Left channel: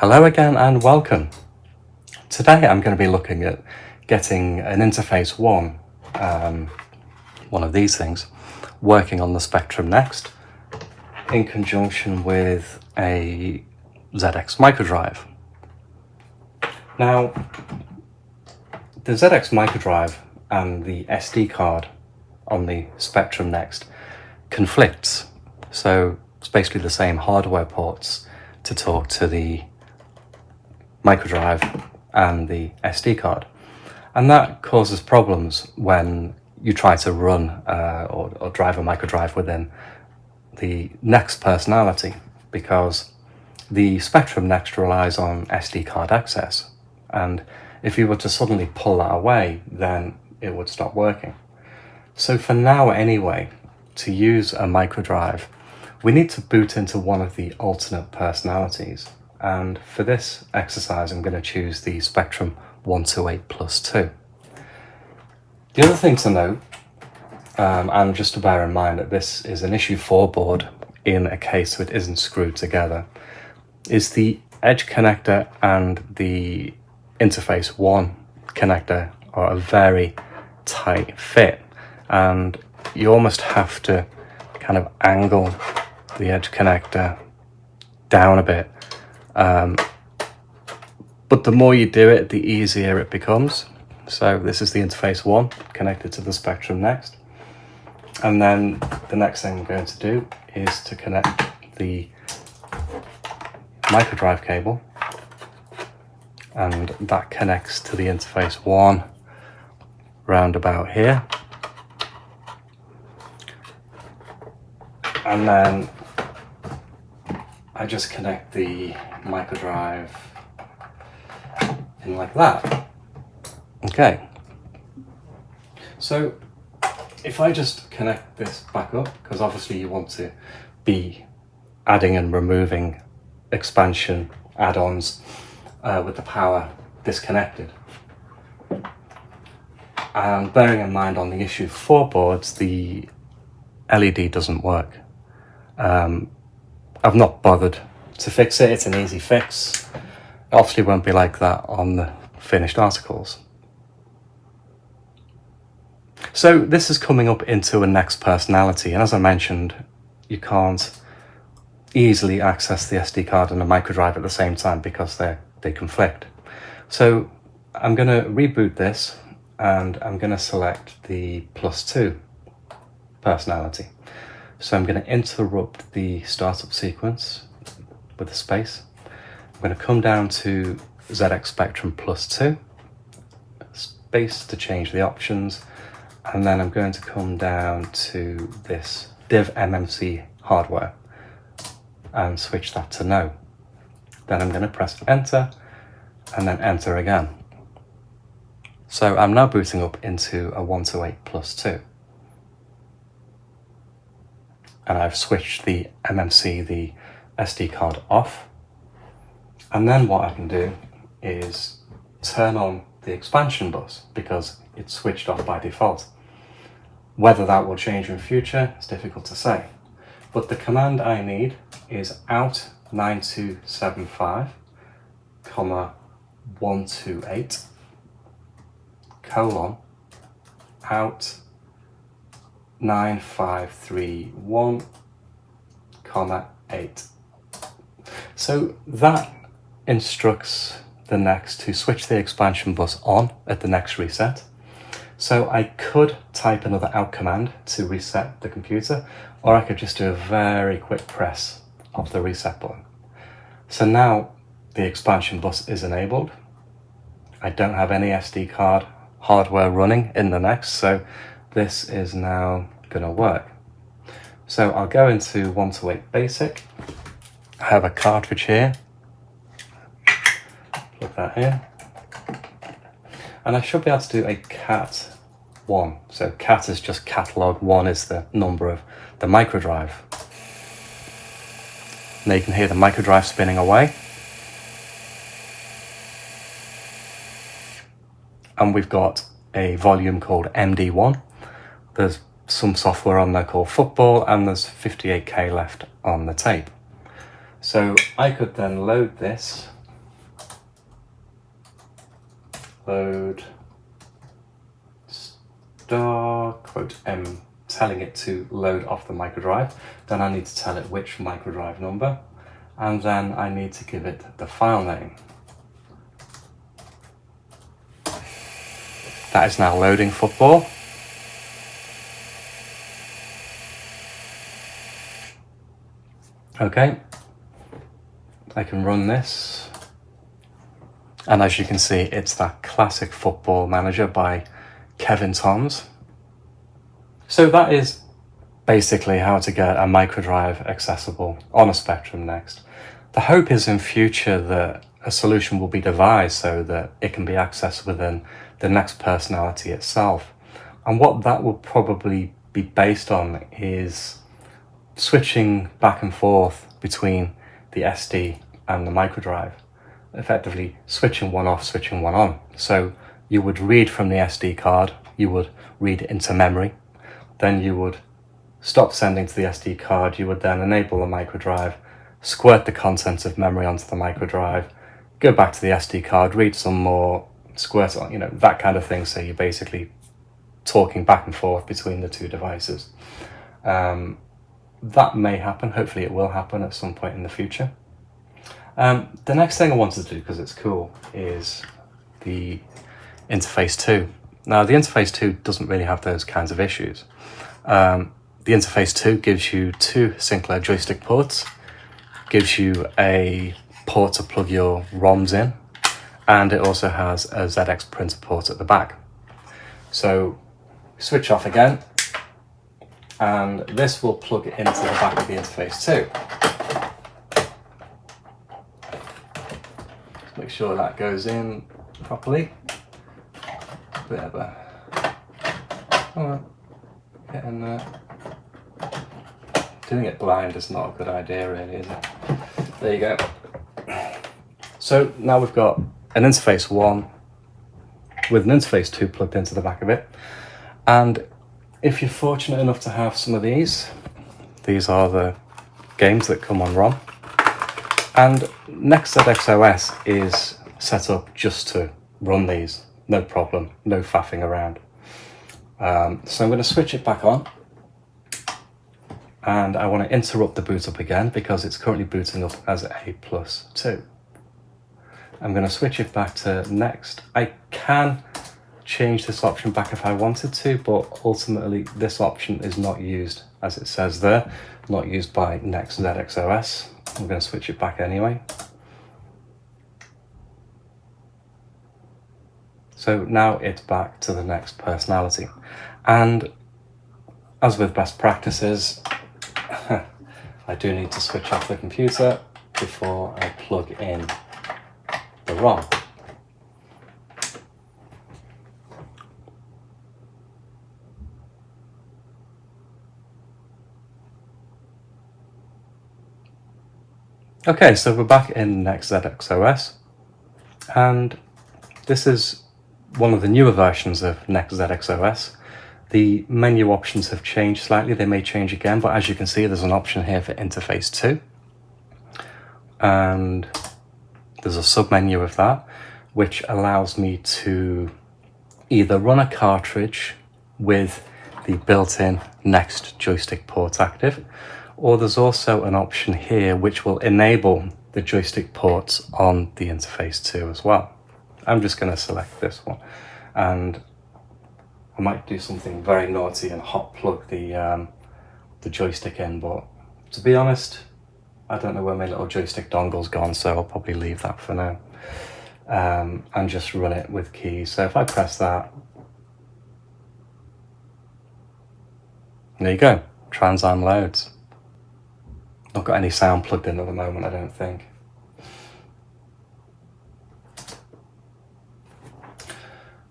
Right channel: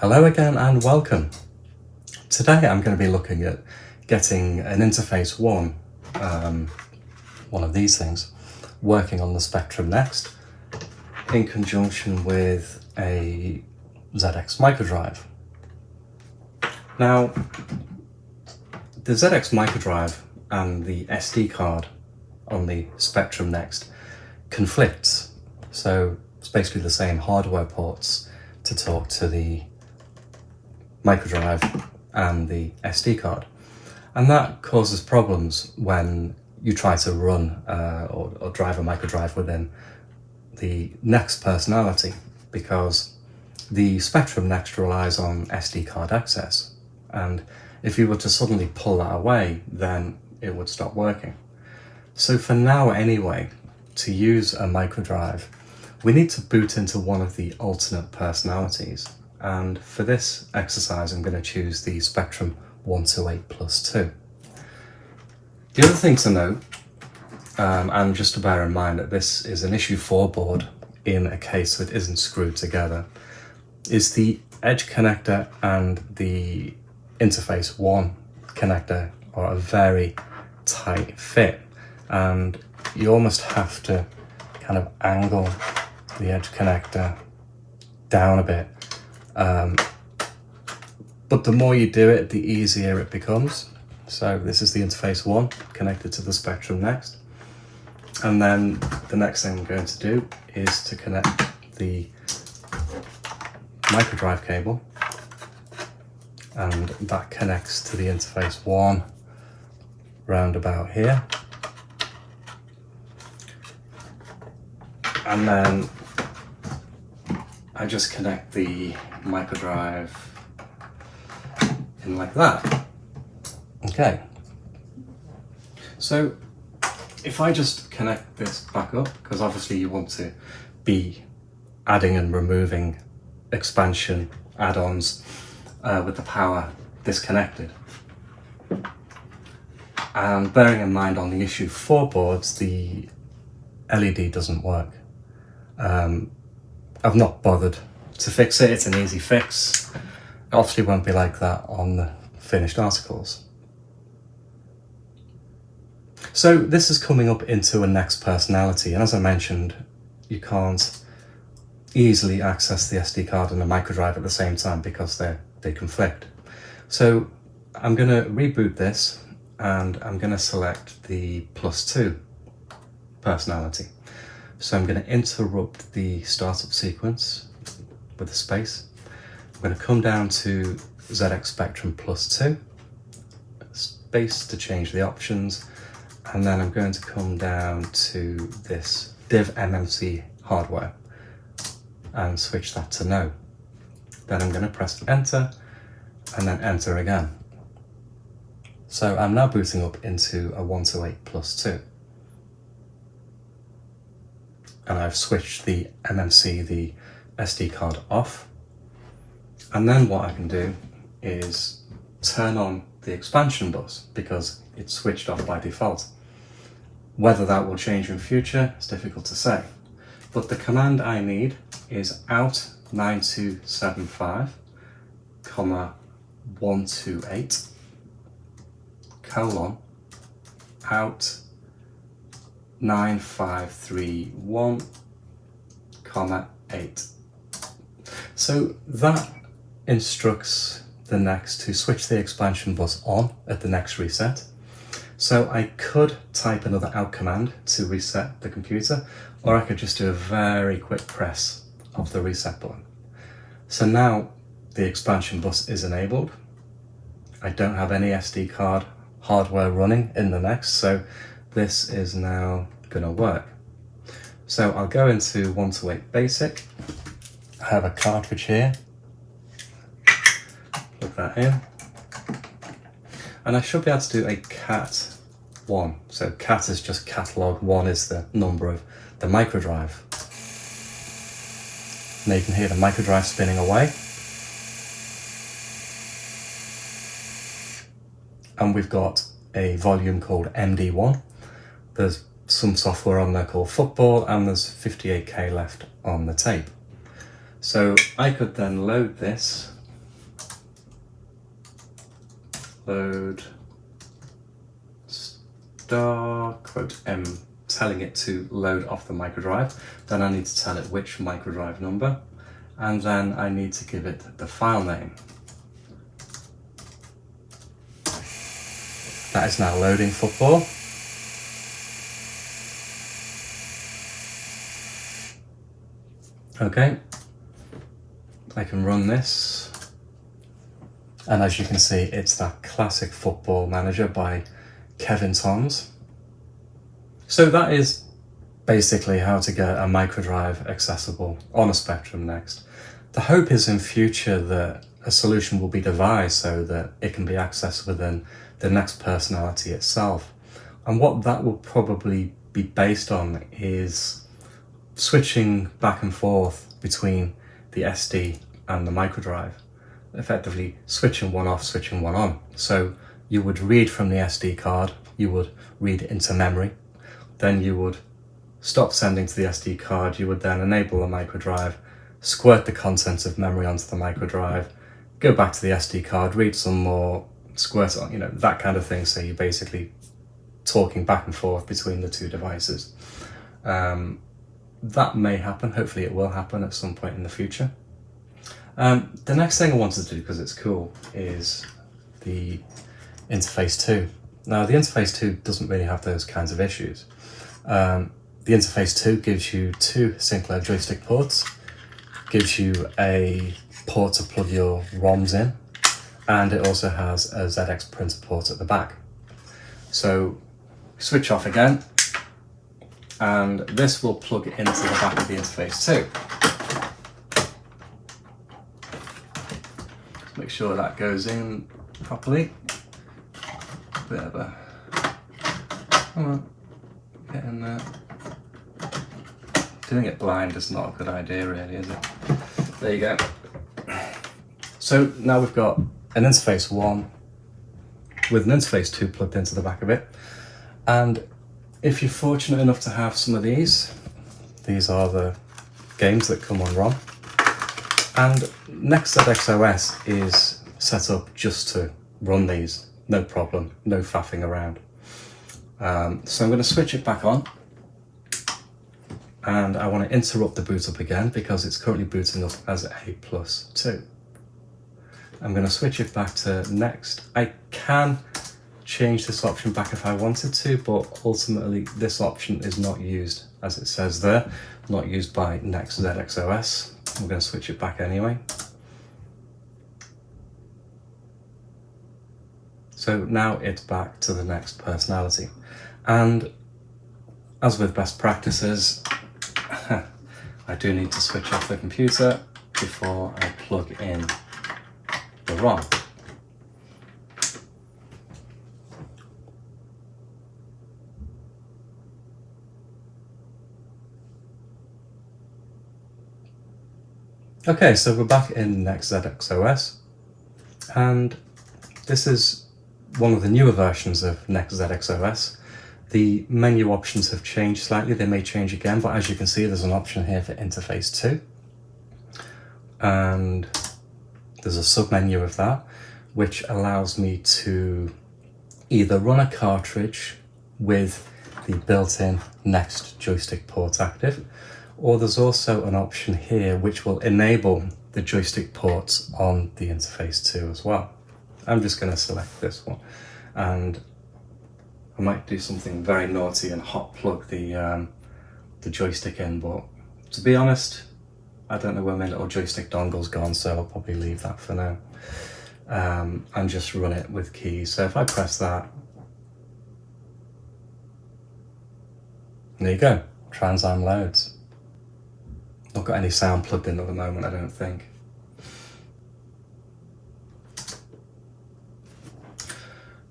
Hello again and welcome. Today I'm going to be looking at getting an interface one of these things, working on the Spectrum Next in conjunction with a ZX Microdrive. Now, the ZX Microdrive and the SD card on the Spectrum Next conflicts, so it's basically the same hardware ports to talk to the microdrive and the SD card, and that causes problems when you try to run or drive a microdrive within the Next personality, because the Spectrum Next relies on SD card access, and if you were to suddenly pull that away, then it would stop working. So for now anyway, to use a microdrive, we need to boot into one of the alternate personalities. And for this exercise, I'm going to choose the Spectrum 128+2. The other thing to note, and just to bear in mind that this is an issue 4 board in a case so it isn't screwed together, is the edge connector and the interface 1 connector are a very tight fit, and you almost have to kind of angle the edge connector down a bit. But the more you do it, the easier it becomes. So this is the interface 1 connected to the Spectrum Next. And then the next thing I'm going to do is to connect the microdrive cable, and that connects to the interface 1 round about here. And then I just connect the microdrive in like that. Okay. So if I just connect this back up, because obviously you want to be adding and removing expansion add-ons with the power disconnected. And bearing in mind on the issue 4 boards, the LED doesn't work. I've not bothered to fix it, it's an easy fix. It obviously won't be like that on the finished articles. So this is coming up into a Next personality, and as I mentioned, you can't easily access the SD card and the microdrive at the same time because they conflict. So I'm going to reboot this, and I'm going to select the +2 personality. So I'm going to interrupt the startup sequence with a space. I'm going to come down to ZX Spectrum +2, space to change the options, and then I'm going to come down to this div MMC hardware and switch that to no. Then I'm going to press enter and then enter again. So I'm now booting up into a 128+2. And I've switched the MMC, the SD card, off. And then what I can do is turn on the expansion bus because it's switched off by default. Whether that will change in future is difficult to say. But the command I need is out 9275, 128, out 9531, 8. So that instructs the Next to switch the expansion bus on at the next reset. So I could type another out command to reset the computer, or I could just do a very quick press of the reset button. So now the expansion bus is enabled. I don't have any SD card hardware running in the Next, so this is now going to work. So I'll go into 128 basic. I have a cartridge here. Plug that in. And I should be able to do a cat 1. So cat is just catalog, 1 is the number of the microdrive. Now you can hear the microdrive spinning away. And we've got a volume called MD1. There's some software on there called Football, and there's 58K left on the tape. So I could then load this load star quote M, telling it to load off the microdrive. Then I need to tell it which microdrive number, and then I need to give it the file name. That is now loading football. Okay, I can run this, and as you can see, it's that classic Football Manager by Kevin Toms. So that is basically how to get a microdrive accessible on a Spectrum Next. The hope is in future that a solution will be devised so that it can be accessed within the Next personality itself. And what that will probably be based on is switching back and forth between the SD and the microdrive, effectively switching one off, switching one on. So you would read from the SD card, you would read into memory, then you would stop sending to the SD card, you would then enable the microdrive, squirt the contents of memory onto the microdrive, go back to the SD card, read some more, squirt on, you know, that kind of thing. So you're basically talking back and forth between the two devices. That may happen, hopefully it will happen at some point in the future. The next thing I wanted to do, because it's cool, is the Interface 2. Now the Interface 2 doesn't really have those kinds of issues. The Interface 2 gives you two Sinclair joystick ports, gives you a port to plug your ROMs in, and it also has a ZX printer port at the back. So switch off again, and this will plug into the back of the Interface 2. Make sure that goes in properly. Bit of a, get in there. Doing it blind is not a good idea really, is it? There you go. So now we've got an Interface 1 with an Interface 2 plugged into the back of it. And if you're fortunate enough to have some of these are the games that come on ROM. And Next ZX OS is set up just to run these, no problem, no faffing around. So I'm going to switch it back on, and I want to interrupt the boot up again because it's currently booting up as A+2. I'm going to switch it back to Next. I can change this option back if I wanted to, but ultimately this option is not used, as it says there, not used by Next ZX OS. I'm going to switch it back anyway. So now it's back to the Next personality. And as with best practices, I do need to switch off the computer before I plug in the ROM. Okay, so we're back in Next ZX OS, and this is one of the newer versions of Next ZX OS. The menu options have changed slightly, they may change again, but as you can see there's an option here for Interface 2. And there's a sub-menu of that, which allows me to either run a cartridge with the built-in Next joystick port active, or there's also an option here which will enable the joystick ports on the Interface 2 as well. I'm just going to select this one, and I might do something very naughty and hot plug the joystick in, but to be honest, I don't know where my little joystick dongle's gone, so I'll probably leave that for now, and just run it with keys. So if I press that, there you go, Transam loads. Not got any sound plugged in at the moment, I don't think.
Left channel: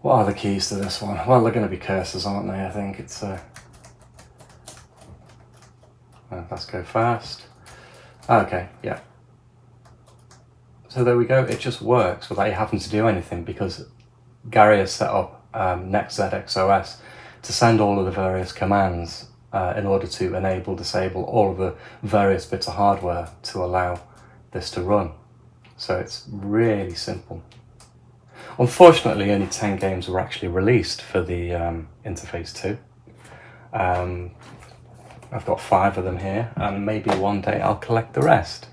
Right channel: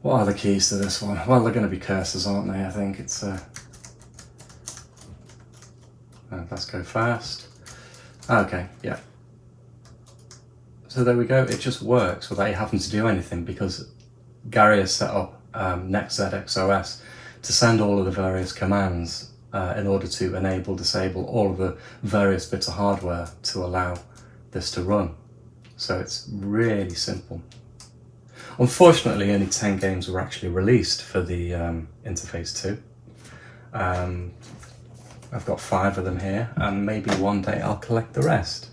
What are the keys to this one? Well, they're going to be cursors, aren't they? I think it's let's go fast. Okay, yeah. So there we go, it just works without you having to do anything, because Gary has set up Next ZX OS to send all of the various commands in order to enable, disable all of the various bits of hardware to allow this to run. So it's really simple. Unfortunately, only 10 games were actually released for the Interface 2. I've got 5 of them here, and maybe one day I'll collect the rest.